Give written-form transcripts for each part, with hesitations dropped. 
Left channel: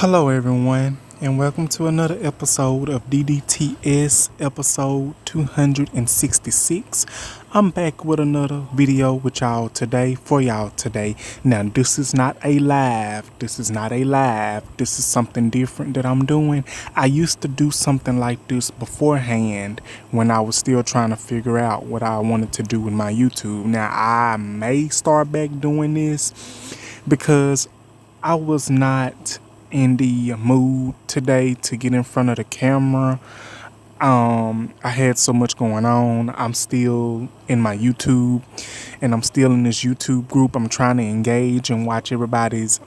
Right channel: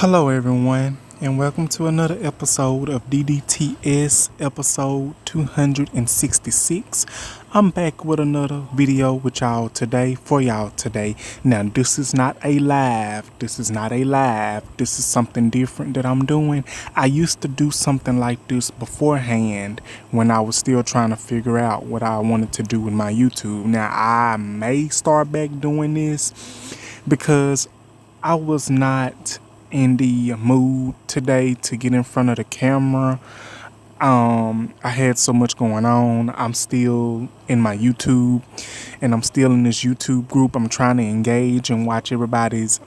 Hello, everyone, and welcome to another episode of DDTS, episode 266. I'm back with another video with y'all today, for y'all today. Now, this is not a live. This is something different that I'm doing. I used to do something like this beforehand when I was still trying to figure out what I wanted to do with my YouTube. Now, I may start back doing this because I was not in the mood today to get in front of the camera. I had so much going on. I'm still in my YouTube and I'm still in this YouTube group. I'm trying to engage and watch everybody's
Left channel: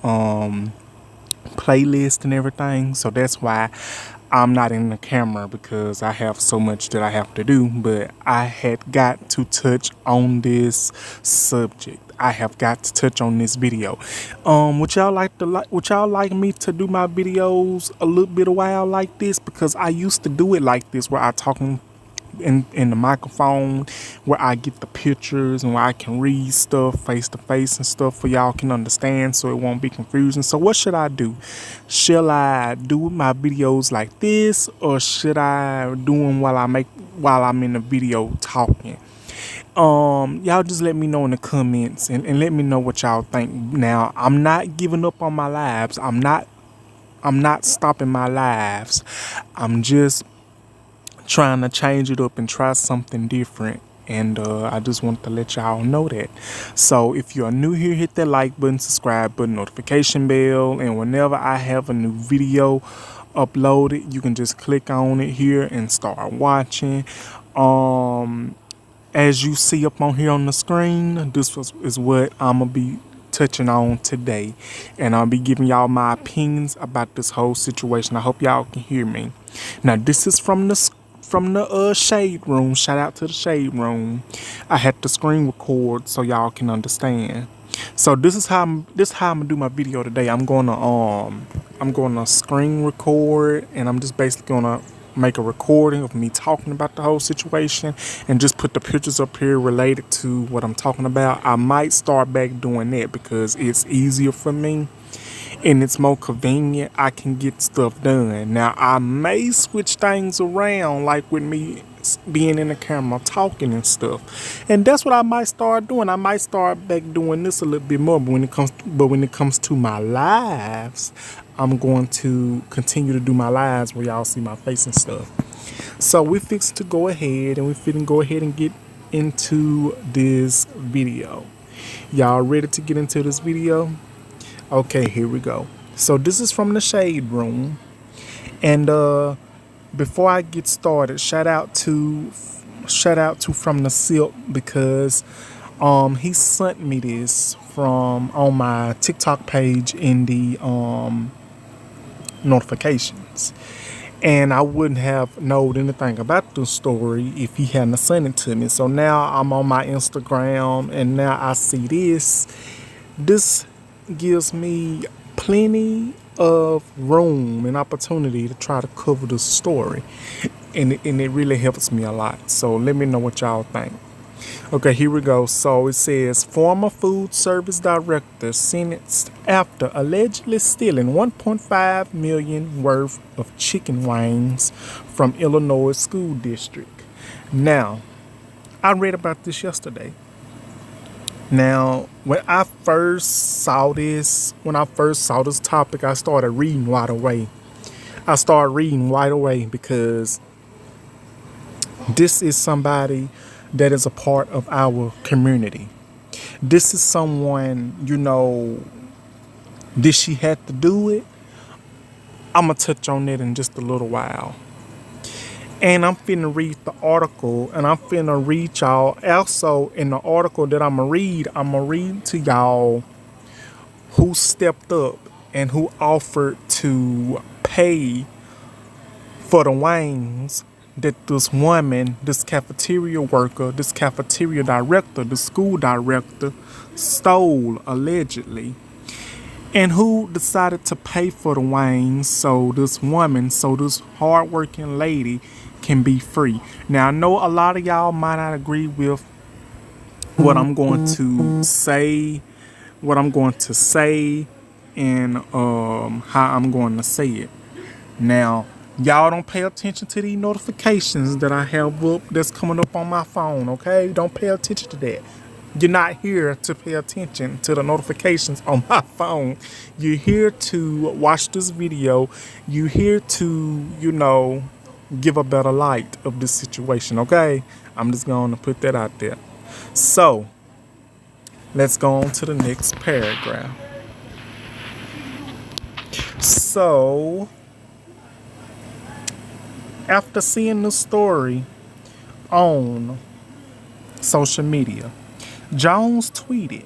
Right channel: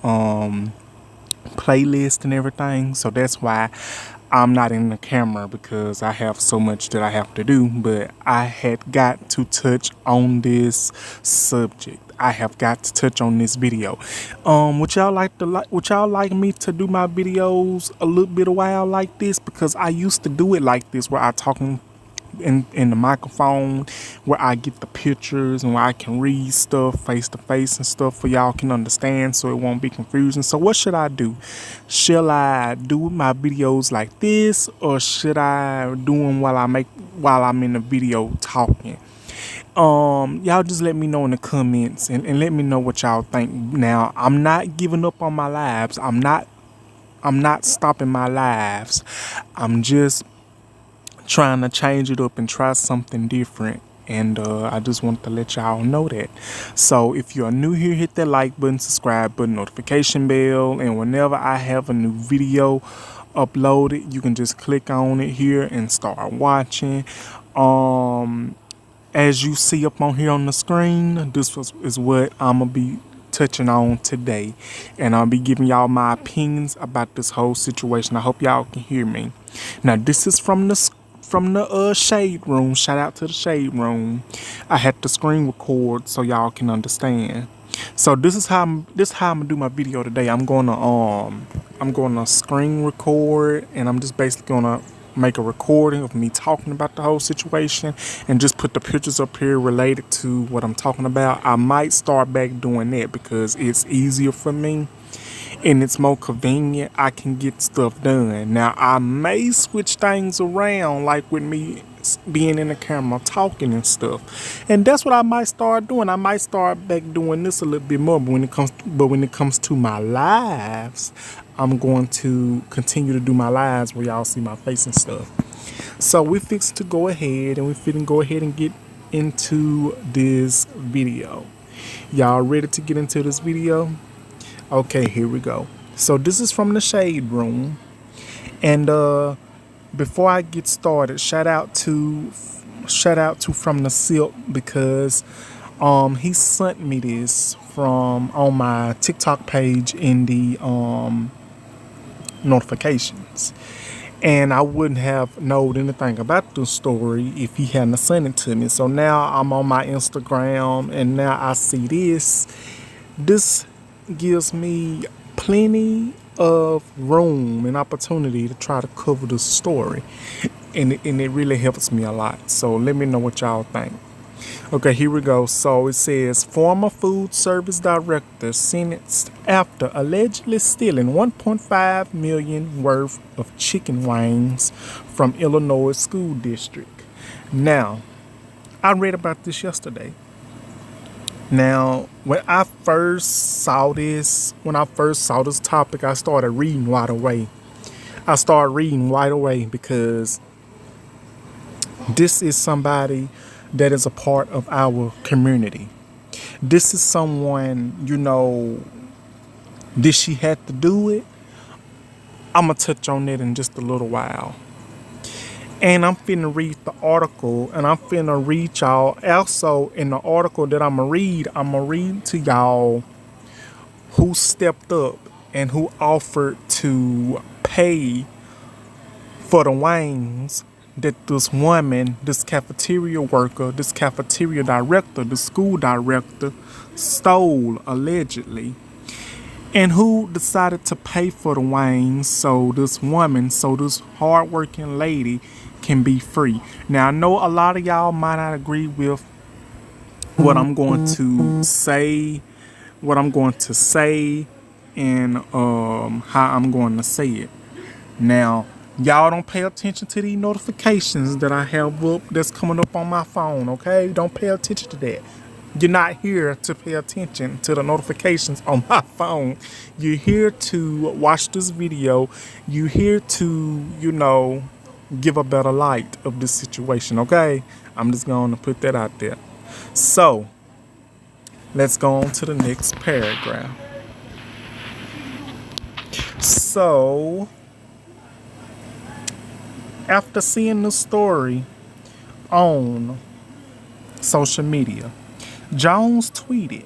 playlist and everything. So that's why I'm not in the camera, because I have so much that I have to do. But I had got to touch on this subject. I have got to touch on this video. Would y'all like me to do my videos a little bit a while like this? Because I used to do it like this, where I talking in the microphone, where I get the pictures and where I can read stuff face to face and stuff for y'all can understand, so it won't be confusing. So what should I do? Shall I do my videos like this, or should I do them while I'm in the video talking? Y'all just let me know in the comments and let me know what y'all think. Now, I'm not giving up on my lives. I'm not stopping my lives. I'm just trying to change it up and try something different. And I just want to let y'all know that. So if you're new here, hit that like button, subscribe button, notification bell, and whenever I have a new video uploaded, you can just click on it here and start watching. As you see up on here on the screen, is what I'm going to be touching on today. And I'll be giving y'all my opinions about this whole situation. I hope y'all can hear me. Now, this is from the shade room. Shout out to the shade room. I had to screen record so y'all can understand. So this is how I'm gonna do my video today. I'm gonna screen record, and I'm just basically gonna make a recording of me talking about the whole situation and just put the pictures up here related to what I'm talking about. I might start back doing that because it's easier for me and it's more convenient. I can get stuff done. Now, I may switch things around, like with me being in the camera talking and stuff, and that's what I might start doing. I might start back doing this a little bit more, but when it comes to my lives, I'm going to continue to do my lives where y'all see my face and stuff. So we fixed to go ahead and get into this video. Y'all ready to get into this video? Okay, here we go. So this is from the shade room, and before I get started, shout out to From the Silk, because he sent me this from on my TikTok page in the notifications, and I wouldn't have known anything about the story if he hadn't sent it to me. So now I'm on my Instagram, and now I see this. This gives me plenty of room and opportunity to try to cover the story, and it really helps me a lot. So let me know what y'all think. Okay, here we go. So it says, former food service director sentenced after allegedly stealing $1.5 million worth of chicken wings from Illinois school district. Now, I read about this yesterday. Now, when I first saw this topic, I started reading right away. Because this is somebody that is a part of our community. This is someone, did she have to do it? I'm going to touch on it in just a little while. And I'm finna read the article, and I'm finna read y'all. Also, in the article that I'm going to read to y'all who stepped up and who offered to pay for the wings that this woman, this cafeteria worker, this cafeteria director, the school director stole allegedly. And who decided to pay for the wings so this hardworking lady can be free. Now, I know a lot of y'all might not agree with what I'm going to say, and how I'm going to say it. Now, y'all don't pay attention to these notifications that I have up that's coming up on my phone, okay? Don't pay attention to that. You're not here to pay attention to the notifications on my phone. You're here to watch this video. You're here to, give a better light of this situation, okay? I'm just going to put that out there. So, let's go on to the next paragraph. So, after seeing the story on social media, Jones tweeted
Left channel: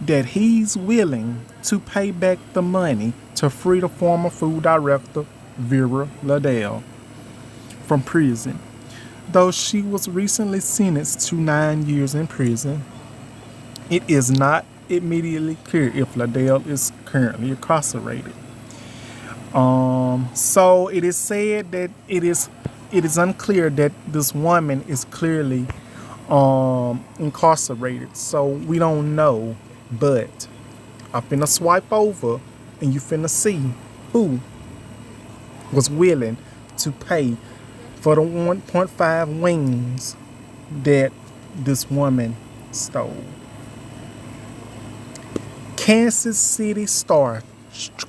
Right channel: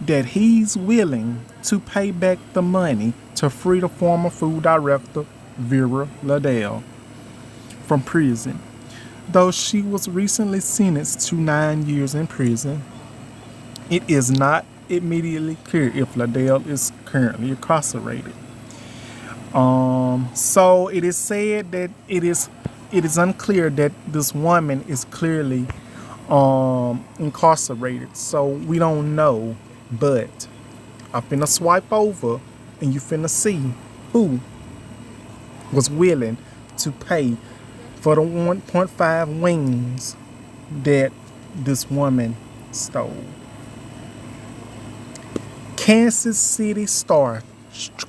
that he's willing to pay back the money to free the former food director, Vera Liddell, from prison. Though she was recently sentenced to 9 years in prison, it is not immediately clear if Liddell is currently incarcerated. So it is said that it is unclear that this woman is clearly incarcerated. So we don't know, but I'm finna swipe over and you finna see who was willing to pay for the 1.5 wings that this woman stole. Kansas City star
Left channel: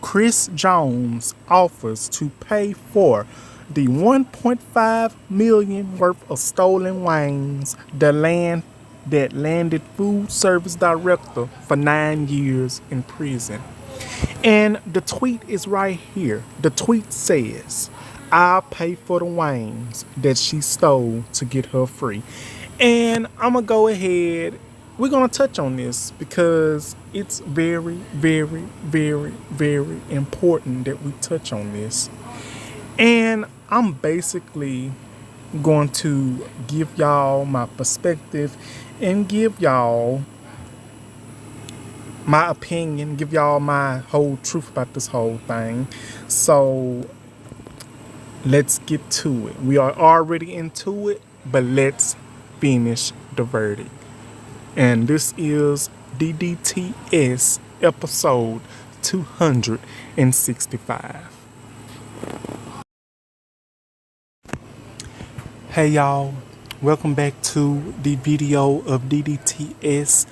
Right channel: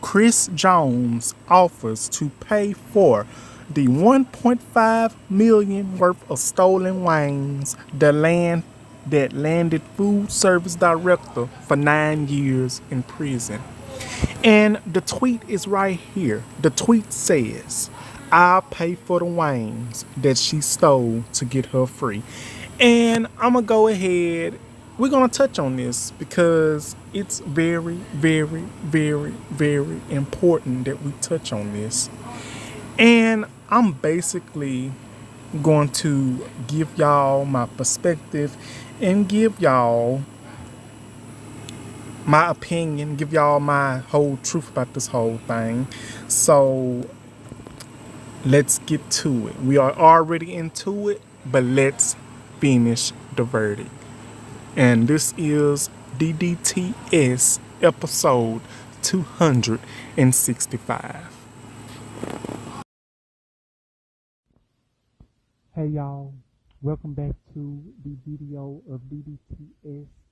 Chris Jones offers to pay for the $1.5 million worth of stolen wings that landed food service director for 9 years in prison. And the tweet is right here. The tweet says, "I'll pay for the wings that she stole to get her free." And I'm going to go ahead. We're going to touch on this because it's very, very, very, very important that we touch on this. And I'm basically going to give y'all my perspective and give y'all my opinion, give y'all my whole truth about this whole thing. So let's get to it. We are already into it, but let's finish the verdict. And this is DDTS episode 265. Hey y'all, welcome back to the video of DDTS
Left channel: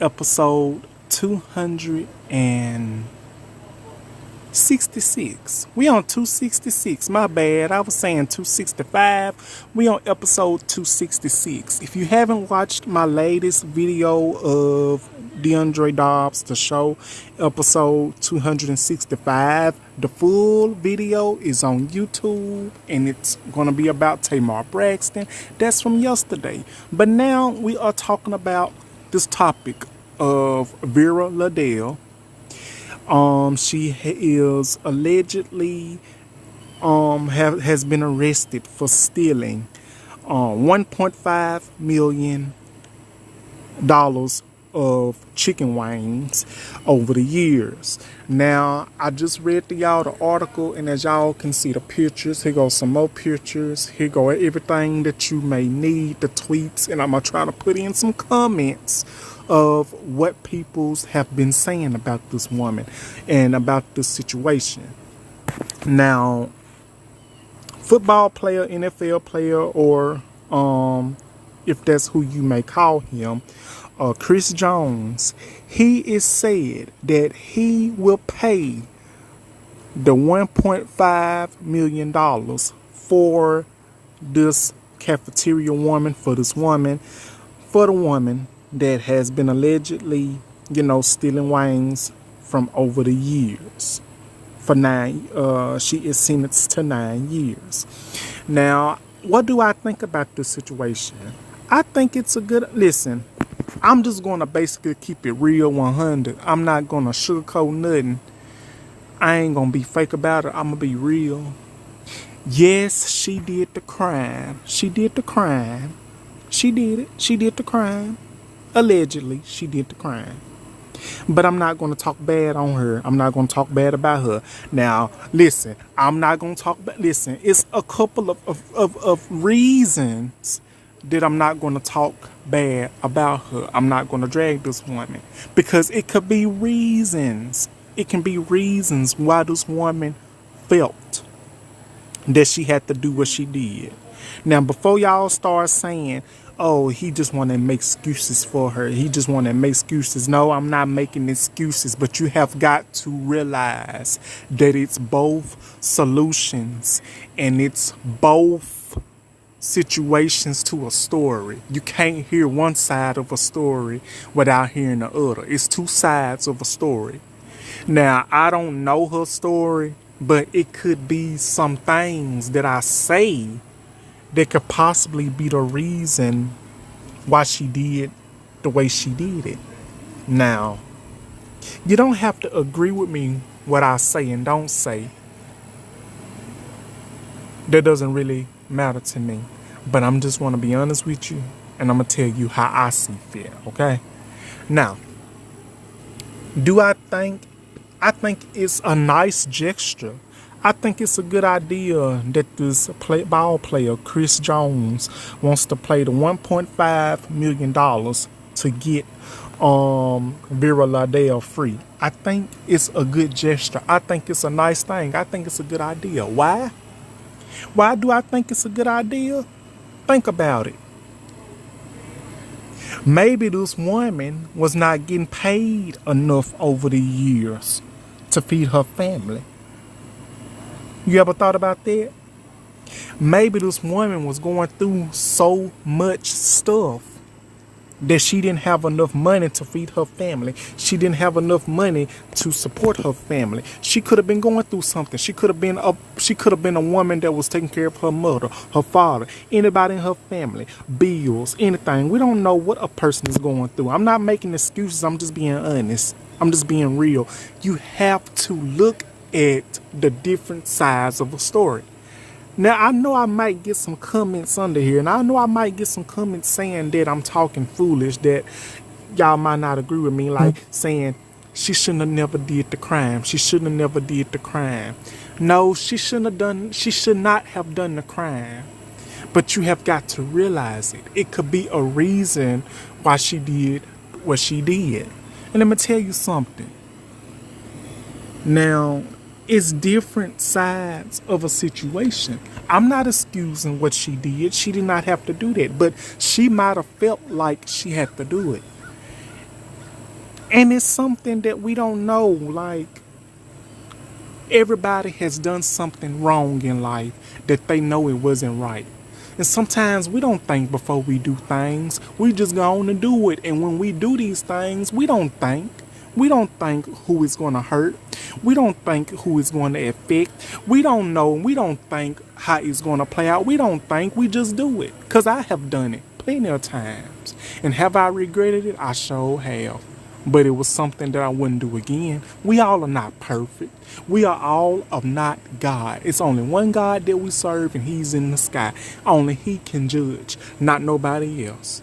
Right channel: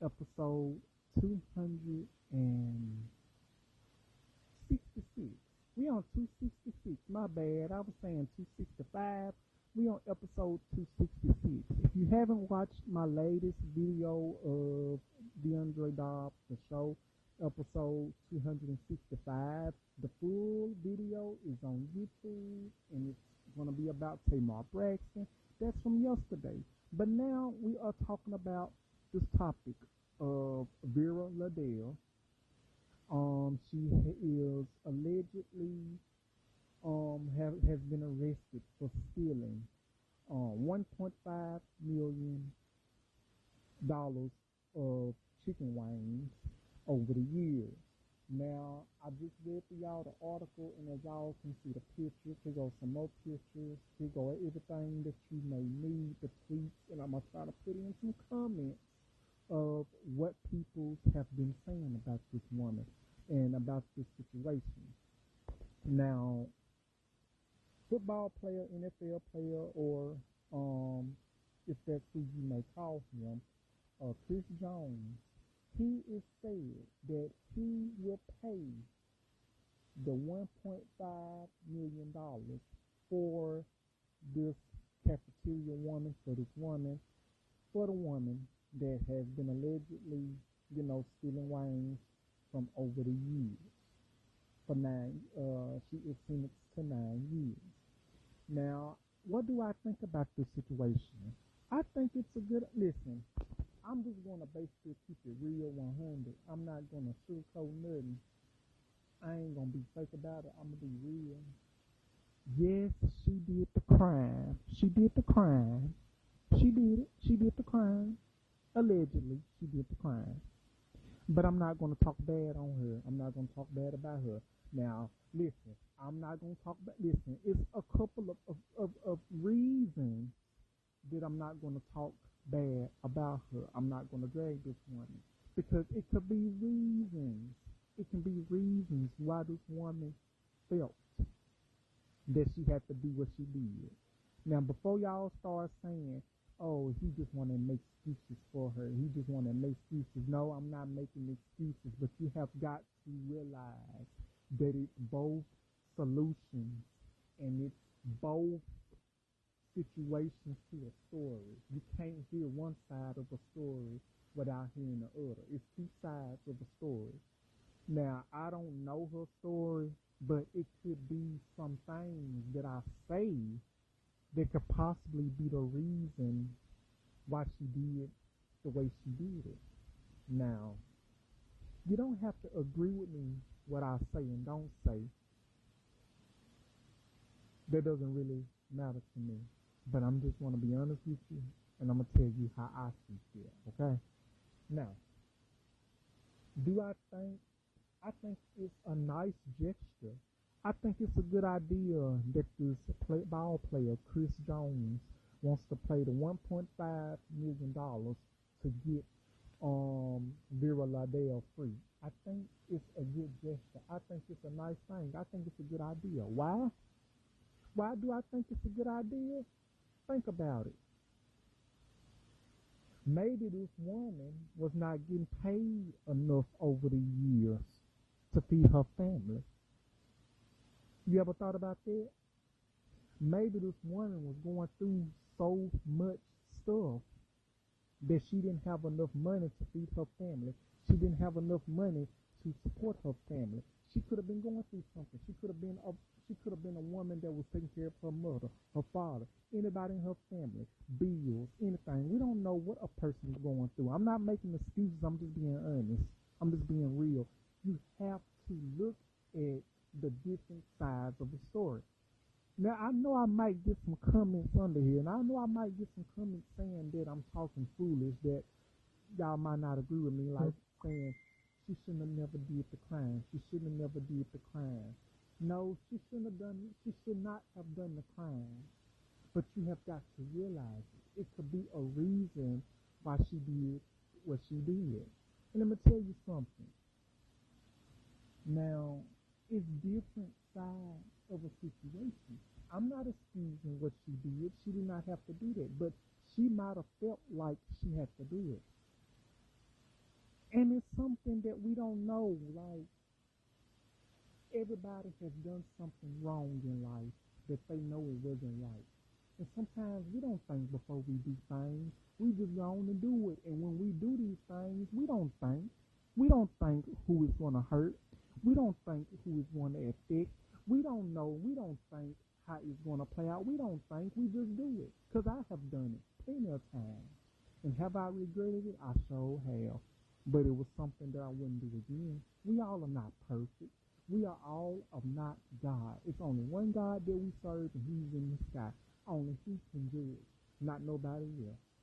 episode 266. We on 266. My bad. I was saying 265. We on episode 266. If you haven't watched my latest video of DeAndre Dobbs, the show, episode 265, the full video is on YouTube and it's going to be about Tamar Braxton. That's from yesterday. But now we are talking about this topic of Vera Liddell. She is allegedly has been arrested for stealing $1.5 million of chicken wings over the years. Now, I just read to y'all the article, and as y'all can see the pictures, here goes some more pictures. Here go everything that you may need, the tweets, and I'm going to try to put in some comments of what people have been saying about this woman and about this situation. Now, football player, NFL player, or if that's who you may call him, Chris Jones, he is said that he will pay the $1.5 million for this cafeteria woman, for the woman that has been allegedly, stealing wings from over the years. She is sentenced to 9 years. Now, what do I think about this situation? I think it's a good, listen, I'm just going to basically keep it real 100. I'm not going to sugarcoat nothing. I ain't going to be fake about it. I'm going to be real. Yes, she did the crime. She did the crime. She did it. She did the crime. Allegedly, she did the crime. But I'm not going to talk bad on her. I'm not going to talk bad about her. Now, listen, I'm not going to talk bad. Listen, it's a couple of reasons that I'm not going to talk bad about her. I'm not going to drag this woman because it could be reasons It can be reasons why this woman felt that she had to do what she did. Now, before y'all start saying, oh, he just want to make excuses for her. He just want to make excuses. No, I'm not making excuses, but you have got to realize that it's both solutions and it's both situations to a story. You can't hear one side of a story without hearing the other. It's two sides of a story. Now, I don't know her story, but it could be some things that I say that could possibly be the reason why she did the way she did it. Now, you don't have to agree with me what I say and don't say. That doesn't really matter to me. But I'm just want to be honest with you, and I'm going to tell you how I see fit, okay? Now, do I think it's a nice gesture. I think it's a good idea that this ball player, Chris Jones, wants to play the $1.5 million to get Vera Lardell free. I think it's a good gesture. I think it's a nice thing. I think it's a good idea. Why? Why do I think it's a good idea? Think about it. Maybe this woman was not getting paid enough over the years to feed her family. You ever thought about that? Maybe this woman was going through so much stuff that she didn't have enough money to feed her family. She didn't have enough money to support her family. She could have been going through something. She could have been a woman that was taking care of her mother, her father, anybody in her family, bills, anything. We don't know what a person is going through. I'm not making excuses. I'm just being honest. I'm just being real. You have to look at the different sides of a story. Now, I know I might get some comments under here, and I know I might get some comments saying that I'm talking foolish, that y'all might not agree with me, like saying she shouldn't have never did the crime. She shouldn't have never did the crime. No, she should not have done the crime. But you have got to realize it. It could be a reason why she did what she did. And let me tell you something. Now, it's different sides of a situation. I'm not excusing what she did. She did not have to do that. But she might have felt like she had to do it. And it's something that we don't know. Like, everybody has done something wrong in life that they know it wasn't right. And sometimes we don't think before we do things. We just go on and do it. And when we do these things, we don't think. We don't think who is going to hurt. We don't think who is going to affect. We don't know. We don't think how it's going to play out. We don't think. We just do it. Because I have done it plenty of times. And have I regretted it? I sure have. But it was something that I wouldn't do again. We all are not perfect. We are all of not God. It's only one God that we serve, and he's in the sky. Only he can judge, not nobody else.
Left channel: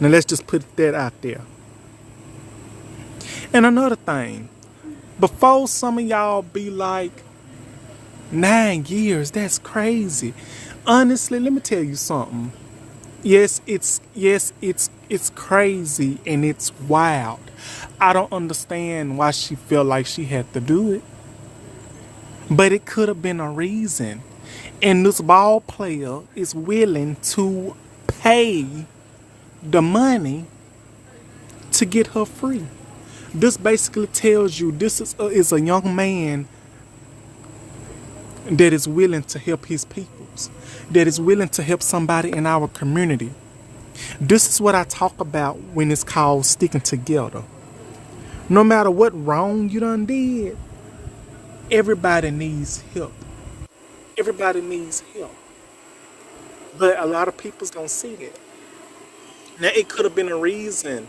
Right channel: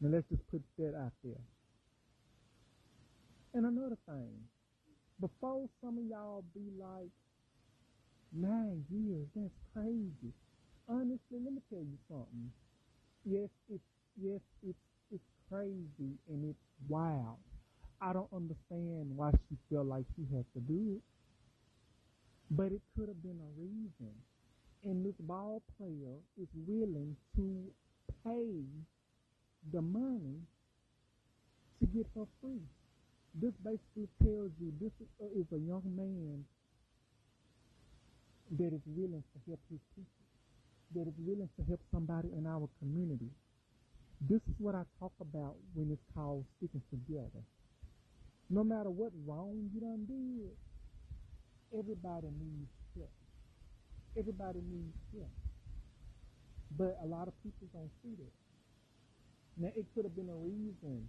Now let's just put that out there. And another thing, before some of y'all be like, 9 years, that's crazy. Honestly, let me tell you something. Yes, it's crazy and it's wild. I don't understand why she felt like she had to do it. But it could have been a reason. And this ball player is willing to pay the money to get her free. This basically tells you this is a young man that is willing to help his peoples, that is willing to help somebody in our community. This is what I talk about when it's called sticking together. No matter what wrong you done did, everybody needs help. Everybody needs help. But a lot of people's don't see that. Now, it could have been a reason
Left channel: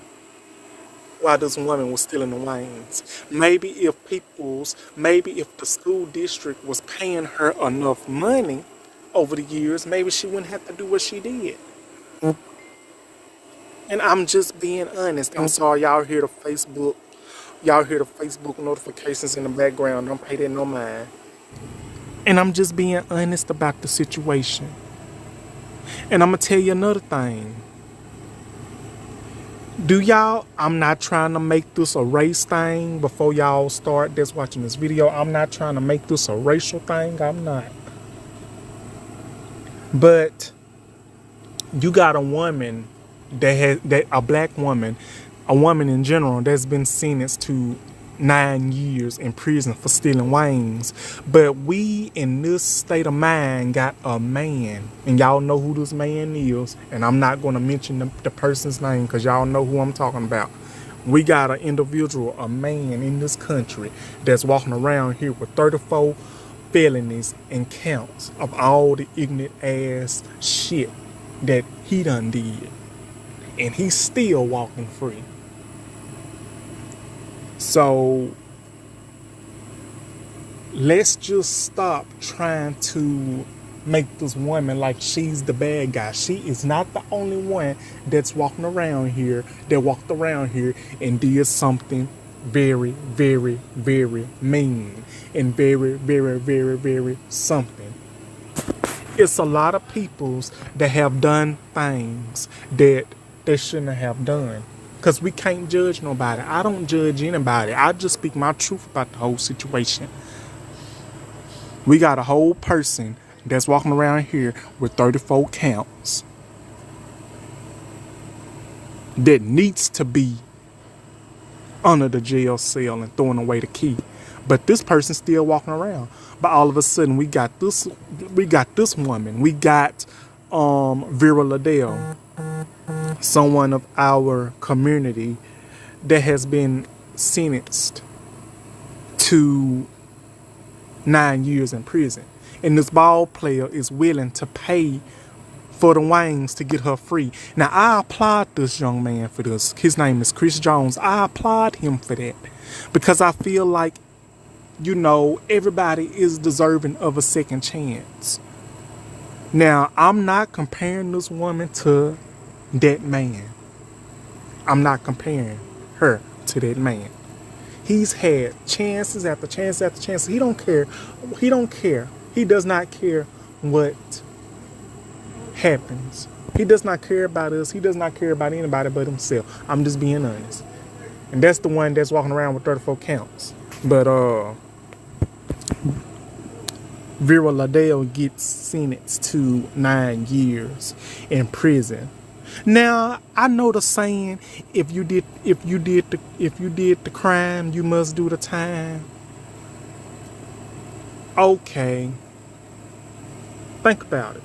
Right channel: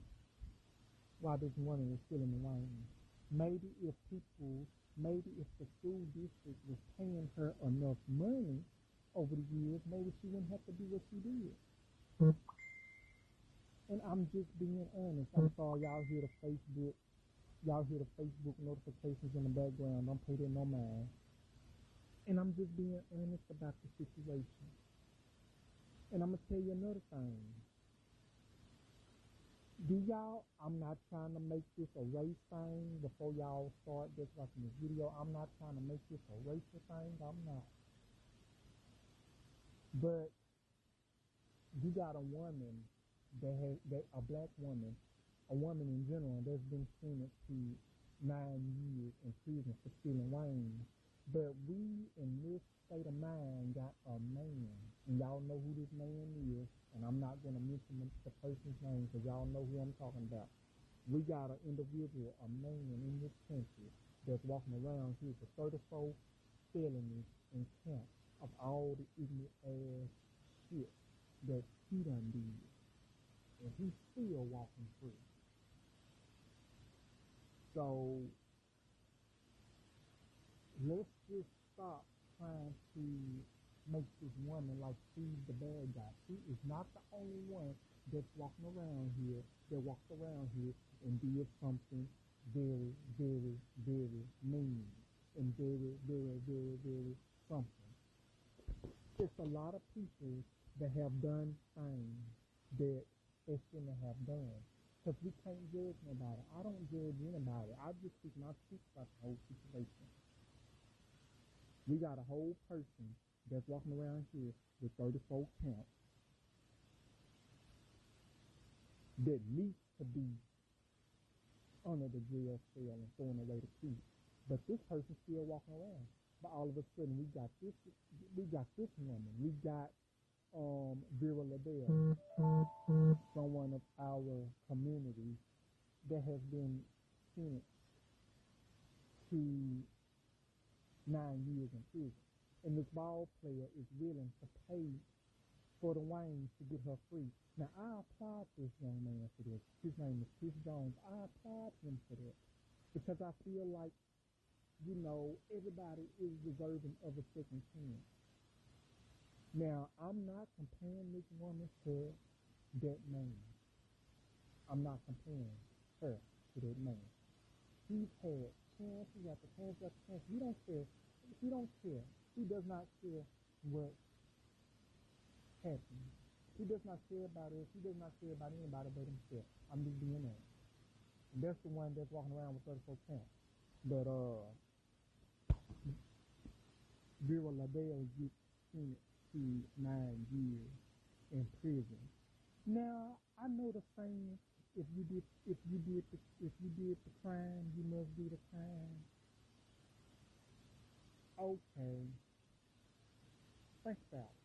why this woman was still in the lanes. Maybe if the school district was paying her enough money over the years, maybe she wouldn't have to do what she did. And I'm just being honest. I'm sorry, y'all hear the Facebook notifications in the background. Don't pay that no mind. And I'm just being honest about the situation. And I'm gonna tell you another thing. Do y'all, I'm not trying to make this a race thing before y'all start that's watching this video. I'm not trying to make this a racial thing. I'm not. But you got a woman that a black woman, a woman in general that's been sentenced to 9 years in prison for stealing wings. But we in this state of mind got a man, and y'all know who this man is, and I'm not going to mention the person's name because y'all know who I'm talking about. We got an individual, a man in this country that's walking around here with 34 felonies and counts of all the ignorant ass shit that he done did. And he's still walking free. So let's just stop trying to make this woman like she's the bad guy. She is not the only one that's walking around here, that walked around here and did something very, very, very mean and very, very, very, very something. It's a lot of peoples that have done things that they shouldn't have done. Because we can't judge nobody. I don't judge anybody. I just speak my truth about the whole situation. We got a whole person that's walking around here with 34 counts that needs to be under the jail cell and throwing away the key. But this person's still walking around. But all of a sudden we got this woman. We got Vera Liddell, someone of our community that has been sentenced to 9 years in prison. And this ball player is willing to pay for the wings to get her free. Now, I applaud this young man for this. His name is Chris Jones. I applaud him for that because I feel like, you know, everybody is deserving of a second chance. Now, I'm not comparing this woman to that man. I'm not comparing her to that man. He's had chances after chance after chance. He don't care. He don't care. He does not care what happens. He does not care about us. He does not care about anybody but himself. I'm just being honest. And that's the one that's walking around with 34 counts. But Vera Liddell gets sentenced to 9 years in prison. Now, I know the saying, if you did the crime, you must do the time. Okay. Think about it.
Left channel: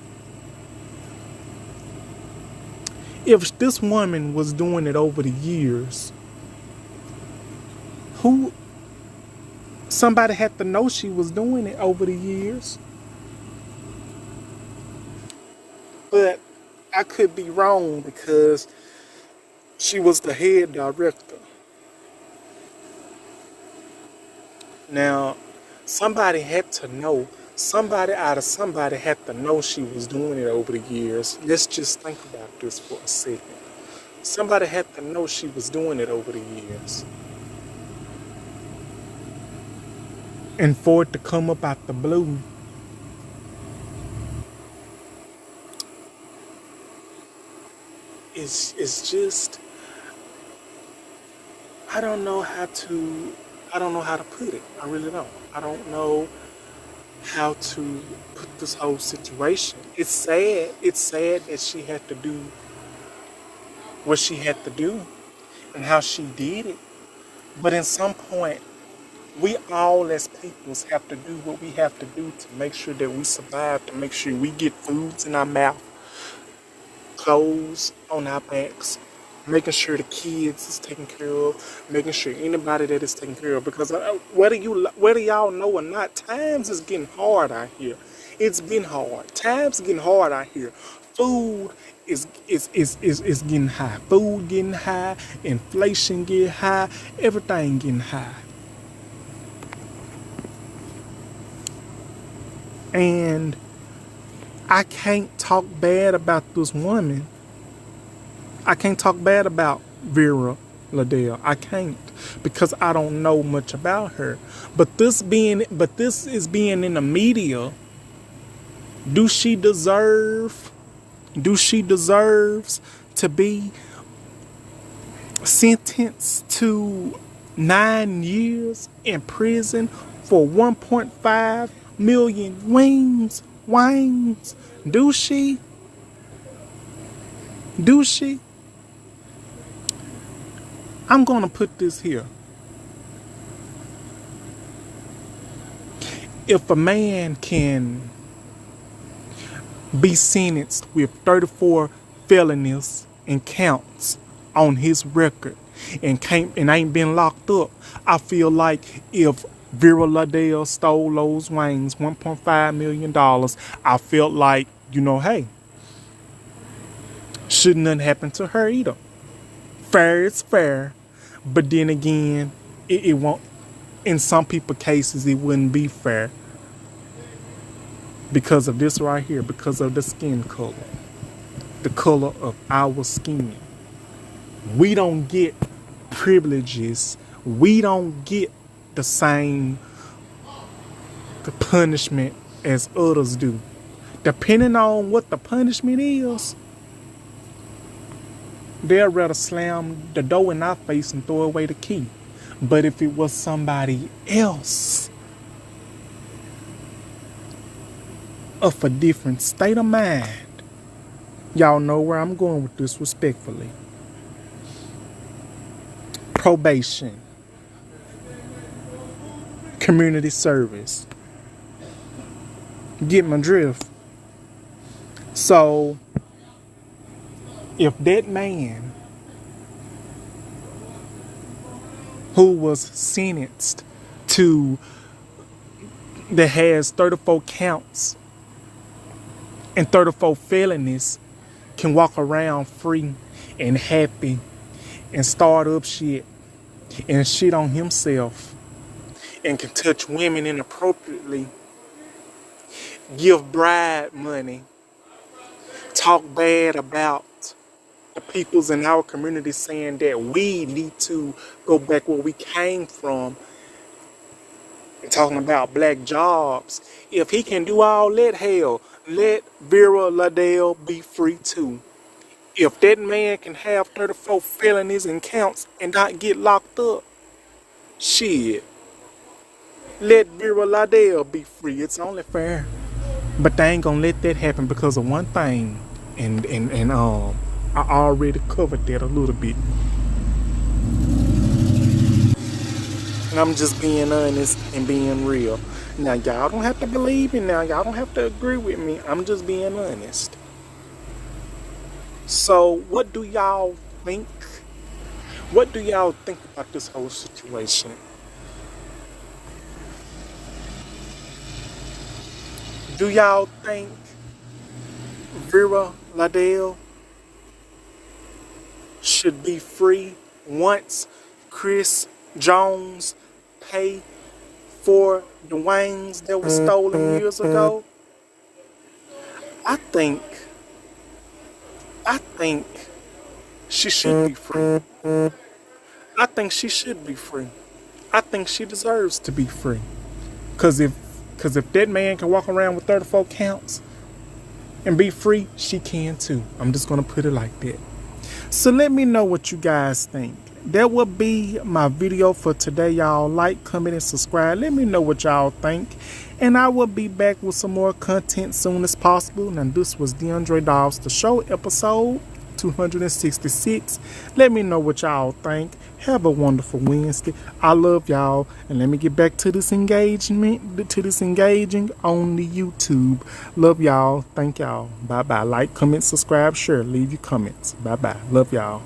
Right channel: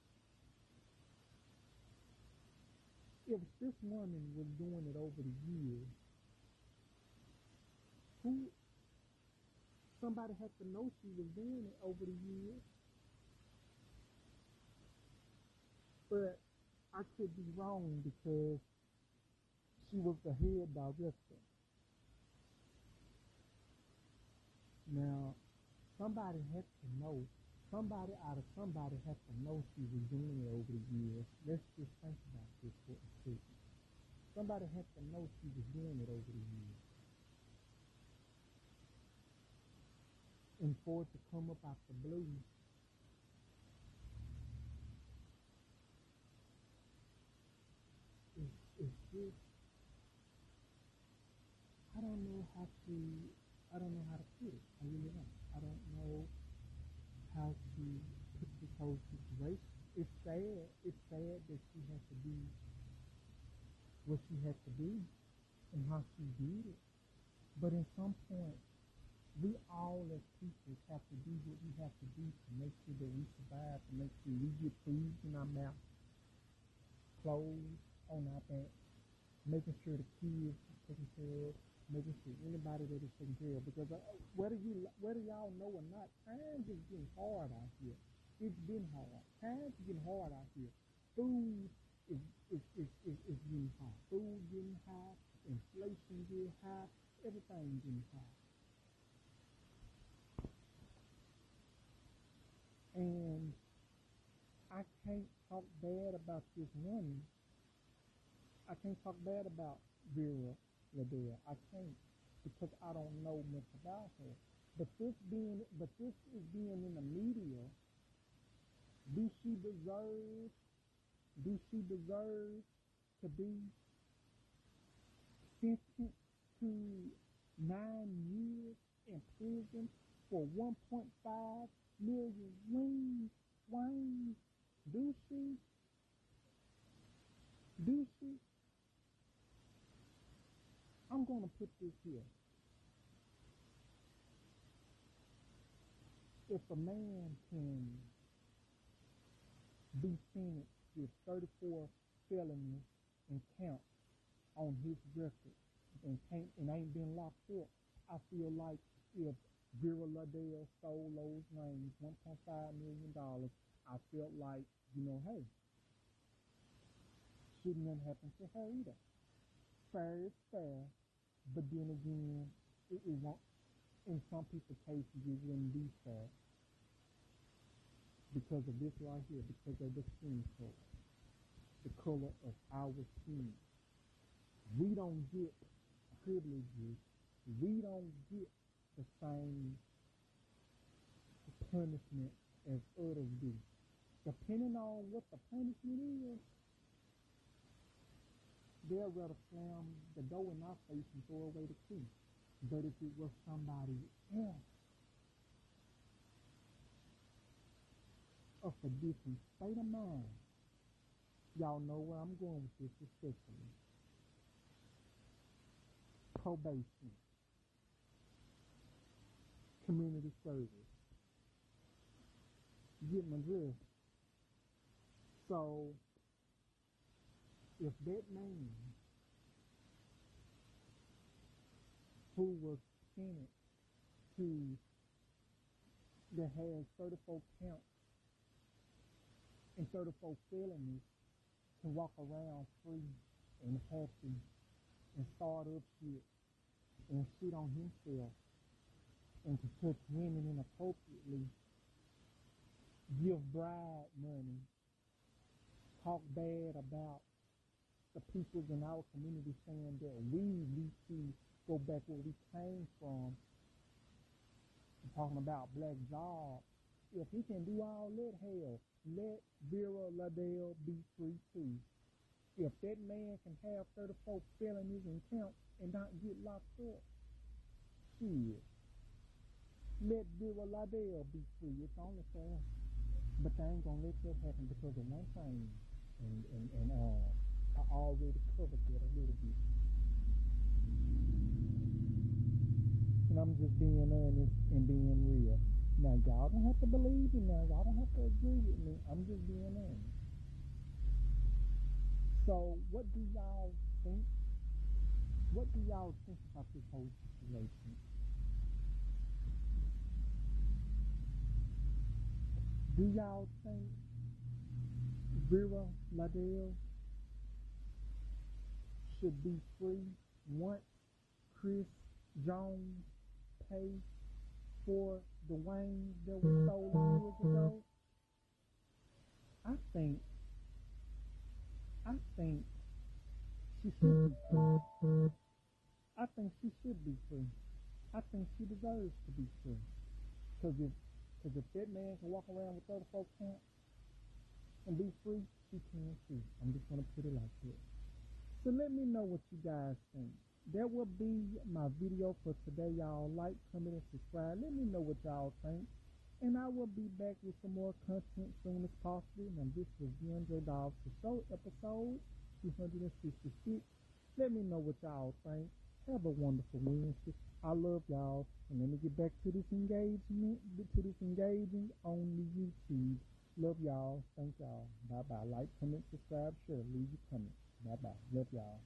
If this woman was doing it over the years, somebody had to know she was doing it over the years. But I could be wrong because she was the head director. Now, somebody had to know. Somebody had to know she was doing it over the years. Let's just think about this for a second. Somebody had to know she was doing it over the years. And for it to come up out the blue, it's just, I don't know how to put it. I really don't. I don't know how to put this whole situation. It's sad. It's sad that she had to do what she had to do and how she did it. But in some point, we all as peoples have to do what we have to do to make sure that we survive, to make sure we get foods in our mouth, clothes on our backs, making sure the kids is taken care of, making sure anybody that is taken care of. Because whether y'all know or not, times is getting hard out here. It's been hard. Times getting hard out here. Food is getting high. Food getting high. Inflation getting high. Everything getting high. And I can't talk bad about this woman. I can't talk bad about Vera Liddell. I can't, because I don't know much about her. But this is being in the media. Do she deserves to be sentenced to 9 years in prison for 1.5 million wings. Do she? Do she? I'm gonna put this here. If a man can be sentenced with 34 felonies and counts on his record and ain't been locked up, I feel like if Vera Liddell stole those wings, $1.5 million, I felt like, hey, shouldn't nothing happen to her either. Fair is fair, but then again, it won't. In some people's cases, it wouldn't be fair because of this right here, because of the skin color, the color of our skin. We don't get privileges. We don't get the same punishment as others do. Depending on what the punishment is, they'll rather slam the door in our face and throw away the key. But if it was somebody else of a different state of mind, y'all know where I'm going with this respectfully. Probation, community service. Get my drift. So, if that man who was sentenced that has 34 counts and 34 felonies can walk around free and happy and start up shit and shit on himself and can touch women inappropriately, give bribe money, talk bad about the peoples in our community, saying that we need to go back where we came from, and talking about black jobs. If he can do all that, hell, let Vera Liddell be free too. If that man can have 34 felonies and counts and not get locked up, shit, let Vera Liddell be free. It's only fair. But they ain't gonna let that happen because of one thing, and I already covered that a little bit. And I'm just being honest and being real. Now, y'all don't have to believe me now. Y'all don't have to agree with me. I'm just being honest. So, what do y'all think? What do y'all think about this whole situation? Do y'all think Vera Liddell should be free once Chris Jones pay for the wings that were stolen years ago? I think she should be free. I think she should be free. I think she deserves to be free. Cause if that man can walk around with 34 counts and be free, she can too. I'm just gonna put it like that. So let me know what you guys think. That will be my video for today, y'all. Like, comment, and subscribe. Let me know what y'all think. And I will be back with some more content soon as possible. Now, this was DeAndre Dobbs, the show, episode 266. Let me know what y'all think. Have a wonderful Wednesday. I love y'all. And let me get back to this engaging on the YouTube. Love y'all. Thank y'all. Bye-bye. Like, comment, subscribe, share. Leave your comments. Bye-bye. Love y'all.